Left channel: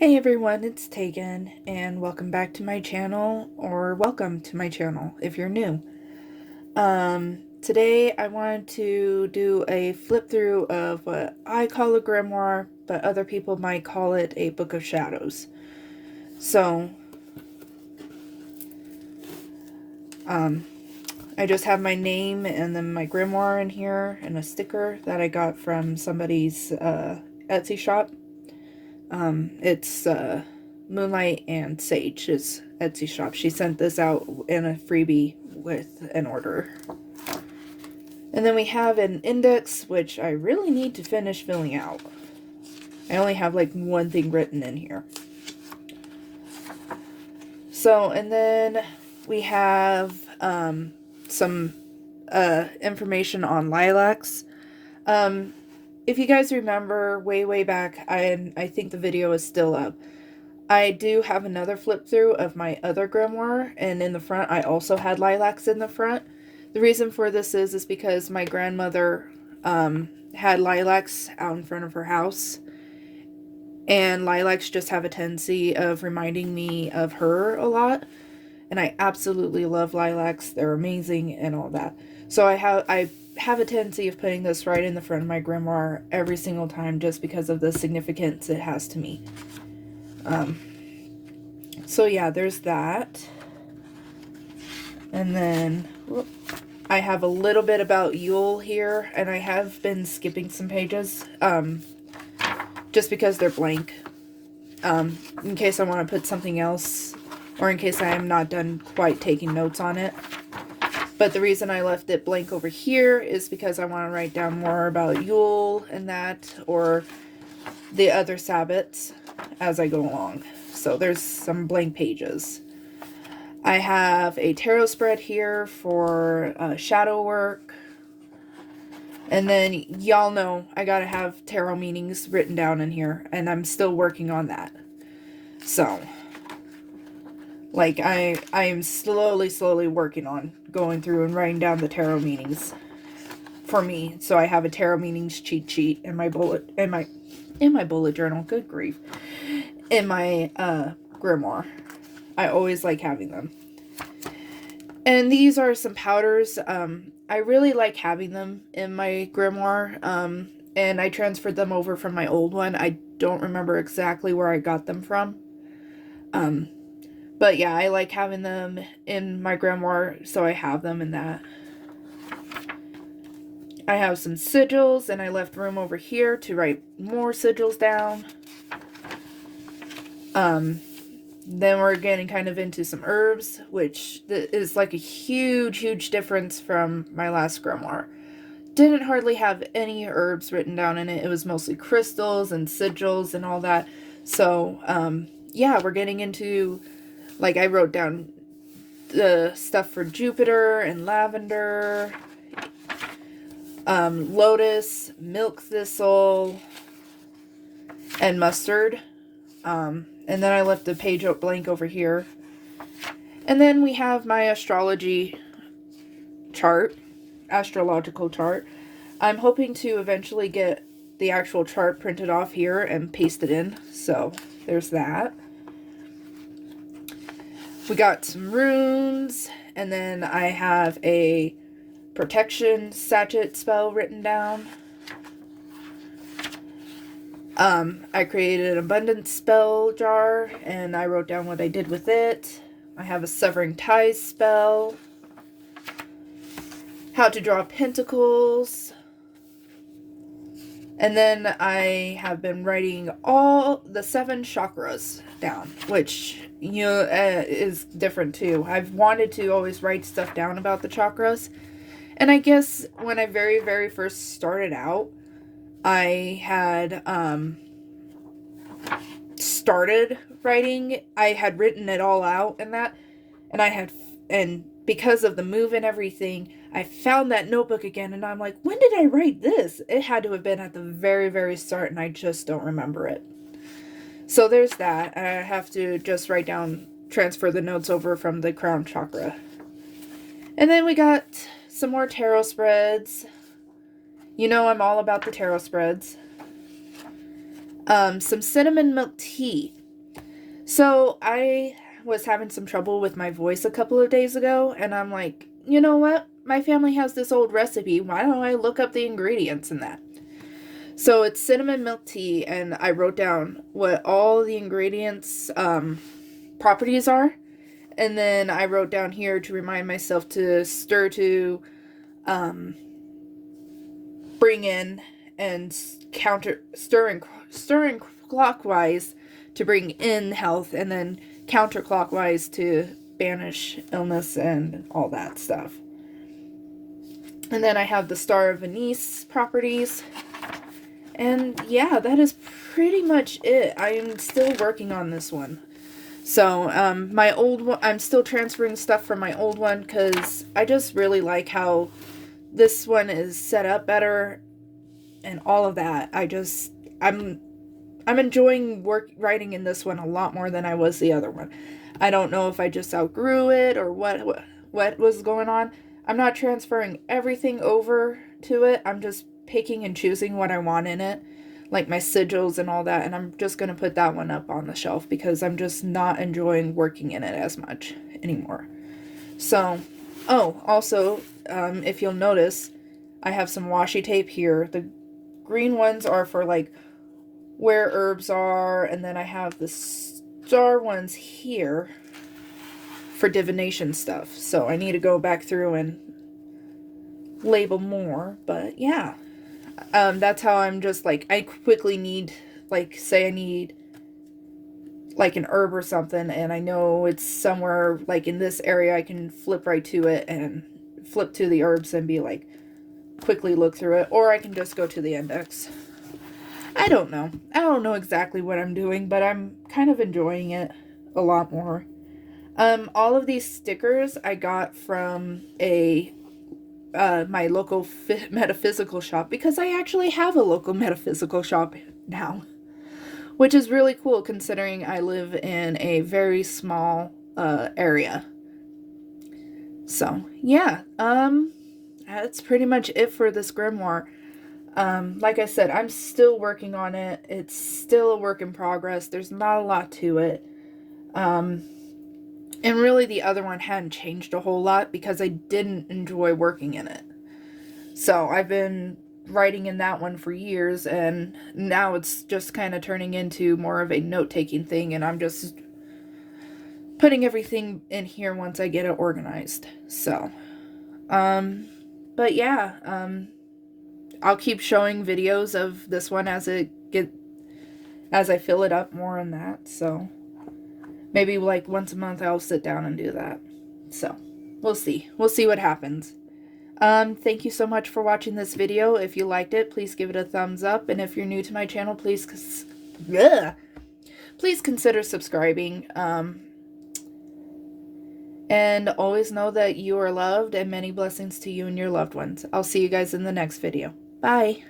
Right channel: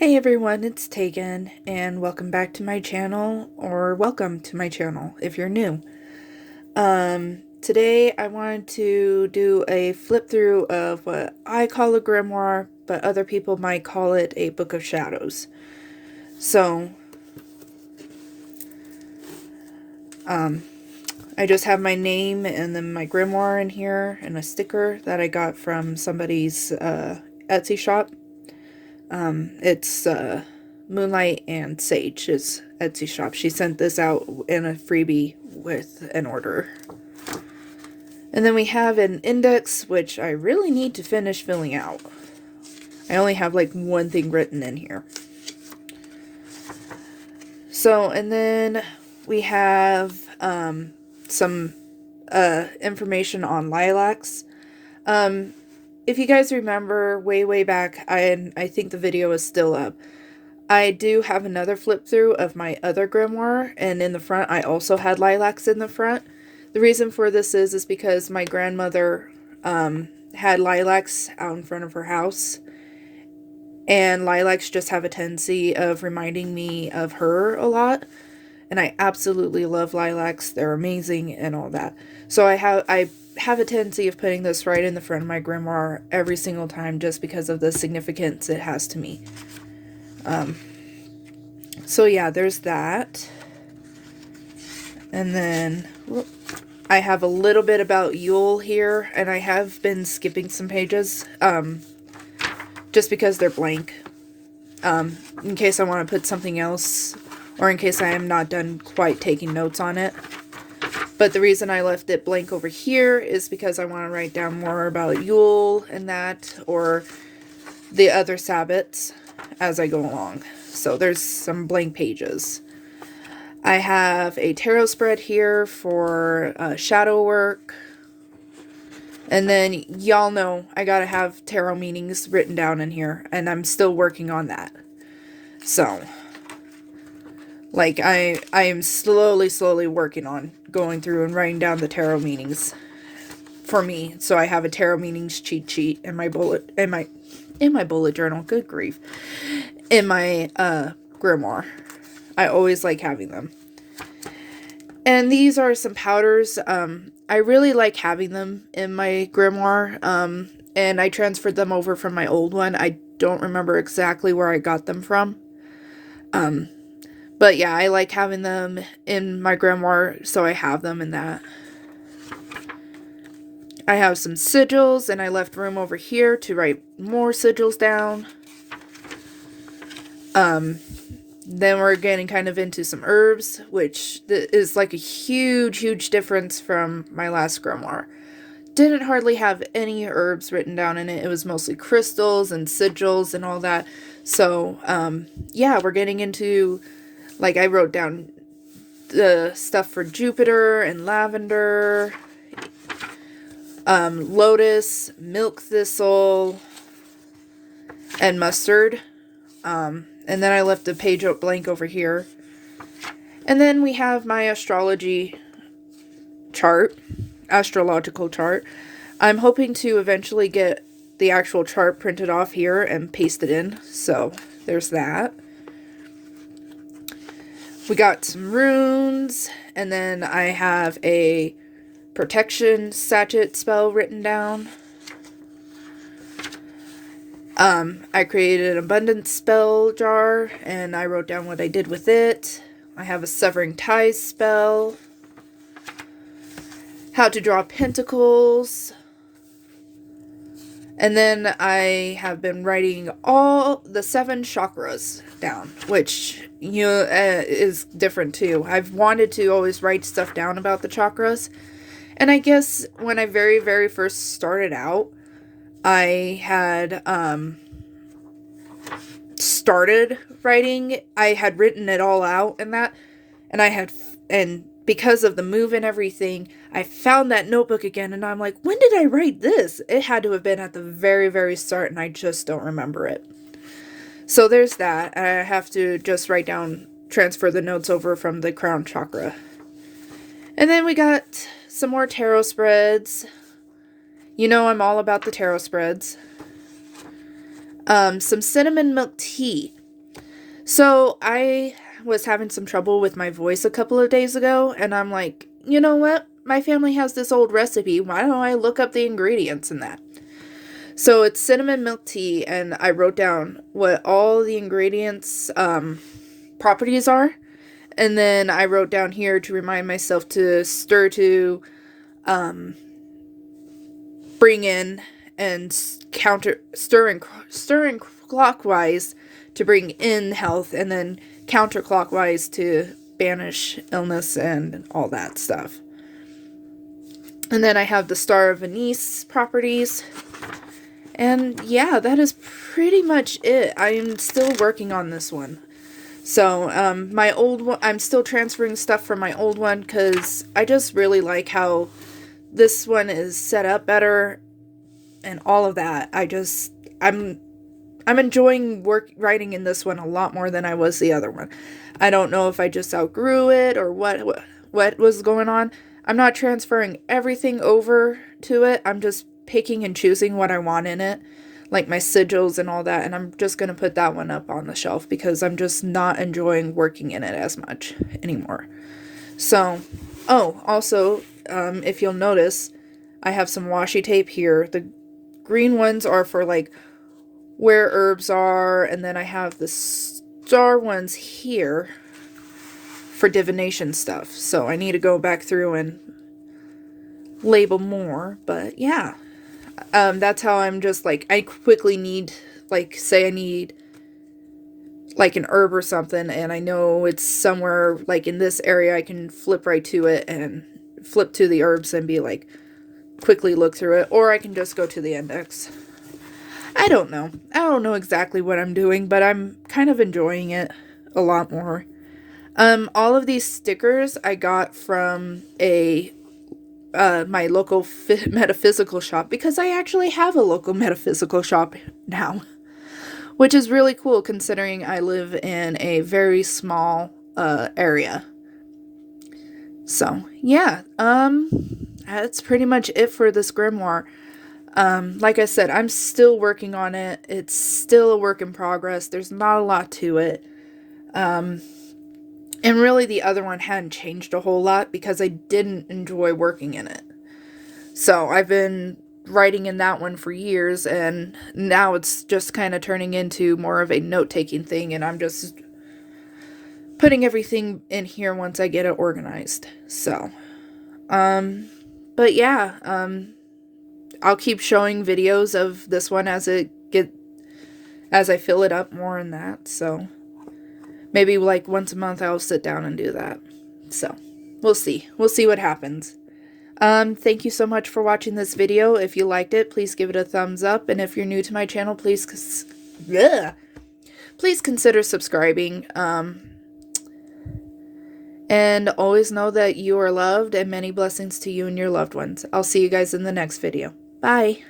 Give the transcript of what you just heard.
Hey everyone, it's Tegan, and welcome back to my channel, or welcome to my channel if you're new. Today I wanted to do a flip through of what I call a grimoire, but other people might call it a book of shadows. So, I just have my name and then my grimoire in here, and a sticker that I got from somebody's Etsy shop. It's Moonlight and Sage's Etsy shop. She sent this out in a freebie with an order. And then we have an index, which I really need to finish filling out. I only have like one thing written in here. So, and then we have some information on lilacs. If you guys remember way back, I think the video is still up. I do have another flip through of my other grimoire, and in the front I also had lilacs in the front. The reason for this is because my grandmother had lilacs out in front of her house, and lilacs just have a tendency of reminding me of her a lot, and I absolutely love lilacs. They're amazing and all that. So I have a tendency of putting this right in the front of my grimoire every single time just because of the significance it has to me. So yeah, there's that. And then I have a little bit about Yule here, and I have been skipping some pages, just because they're blank, in case I want to put something else, or in case I am not done quite taking notes on it. But the reason I left it blank over here is because I want to write down more about Yule and that, or the other Sabbats as I go along. So there's some blank pages. I have a tarot spread here for shadow work. And then y'all know I gotta have tarot meanings written down in here, and I'm still working on that. So, like, I am slowly working on going through and writing down the tarot meanings for me. So I have a tarot meanings cheat sheet in my bullet journal. Good grief. In my grimoire. I always like having them. And these are some powders. I really like having them in my grimoire. And I transferred them over from my old one. I don't remember exactly where I got them from. But yeah, I like having them in my grimoire, so I have them in that. I have some sigils, and I left room over here to write more sigils down. Then we're getting kind of into some herbs, which is like a huge difference from my last grimoire. Didn't hardly have any herbs written down in it. It was mostly crystals and sigils and all that. So, yeah, we're getting into, like, I wrote down the stuff for Jupiter and lavender, lotus, milk thistle, and mustard. And then I left a page out blank over here. And then we have my astrological chart. I'm hoping to eventually get the actual chart printed off here and pasted in. So there's that. We got some runes. And then I have a protection sachet spell written down. I created an abundance spell jar, and I wrote down what I did with it. I have a severing ties spell. How to draw pentacles. And then I have been writing all the 7 chakras down, which, you know, is different too. I've wanted to always write stuff down about the chakras. And I guess when I very first started out, I had started writing. I had written it all out and that, and because of the move and everything, I found that notebook again, and I'm like, when did I write this? It had to have been at the very start, and I just don't remember it. So there's that. I have to just transfer the notes over from the crown chakra. And then we got some more tarot spreads. You know I'm all about the tarot spreads. Some cinnamon milk tea. So I was having some trouble with my voice a couple of days ago, and I'm like, you know what? My family has this old recipe. Why don't I look up the ingredients in that? So it's cinnamon milk tea, and I wrote down what all the ingredients properties are. And then I wrote down here to remind myself to stir to bring in and stirring clockwise to bring in health, and then counterclockwise to banish illness and all that stuff. And then I have the Star of Anise properties. And yeah, that is pretty much it. I'm still working on this one. So, my old one, I'm still transferring stuff from my old one because I just really like how this one is set up better and all of that. I'm enjoying writing in this one a lot more than I was the other one. I don't know if I just outgrew it or what was going on. I'm not transferring everything over to it. I'm just picking and choosing what I want in it, like my sigils and all that, and I'm just going to put that one up on the shelf because I'm just not enjoying working in it as much anymore. So, also, if you'll notice, I have some washi tape here. The green ones are for, like, where herbs are, and then I have the star ones here for divination stuff. So I need to go back through and label more, but yeah. That's how I'm just, like, I quickly need, like, say I need, like, an herb or something, and I know it's somewhere, like, in this area, I can flip right to it and flip to the herbs and be, like, quickly look through it, or I can just go to the index. I don't know. I don't know exactly what I'm doing, but I'm kind of enjoying it a lot more. All of these stickers I got from my local metaphysical shop, because I actually have a local metaphysical shop now, which is really cool considering I live in a very small area. So yeah, that's pretty much it for this grimoire. Like I said, I'm still working on it. It's still a work in progress. There's not a lot to it. And really the other one hadn't changed a whole lot because I didn't enjoy working in it. So I've been writing in that one for years, and now it's just kind of turning into more of a note-taking thing, and I'm just putting everything in here once I get it organized. So, but yeah, I'll keep showing videos of this one as I fill it up more in that. So maybe like once a month I'll sit down and do that. So we'll see what happens. Thank you so much for watching this video. If you liked it, please give it a thumbs up, and if you're new to my channel, please consider subscribing. And always know that you are loved, and many blessings to you and your loved ones. I'll see you guys in the next video. Bye.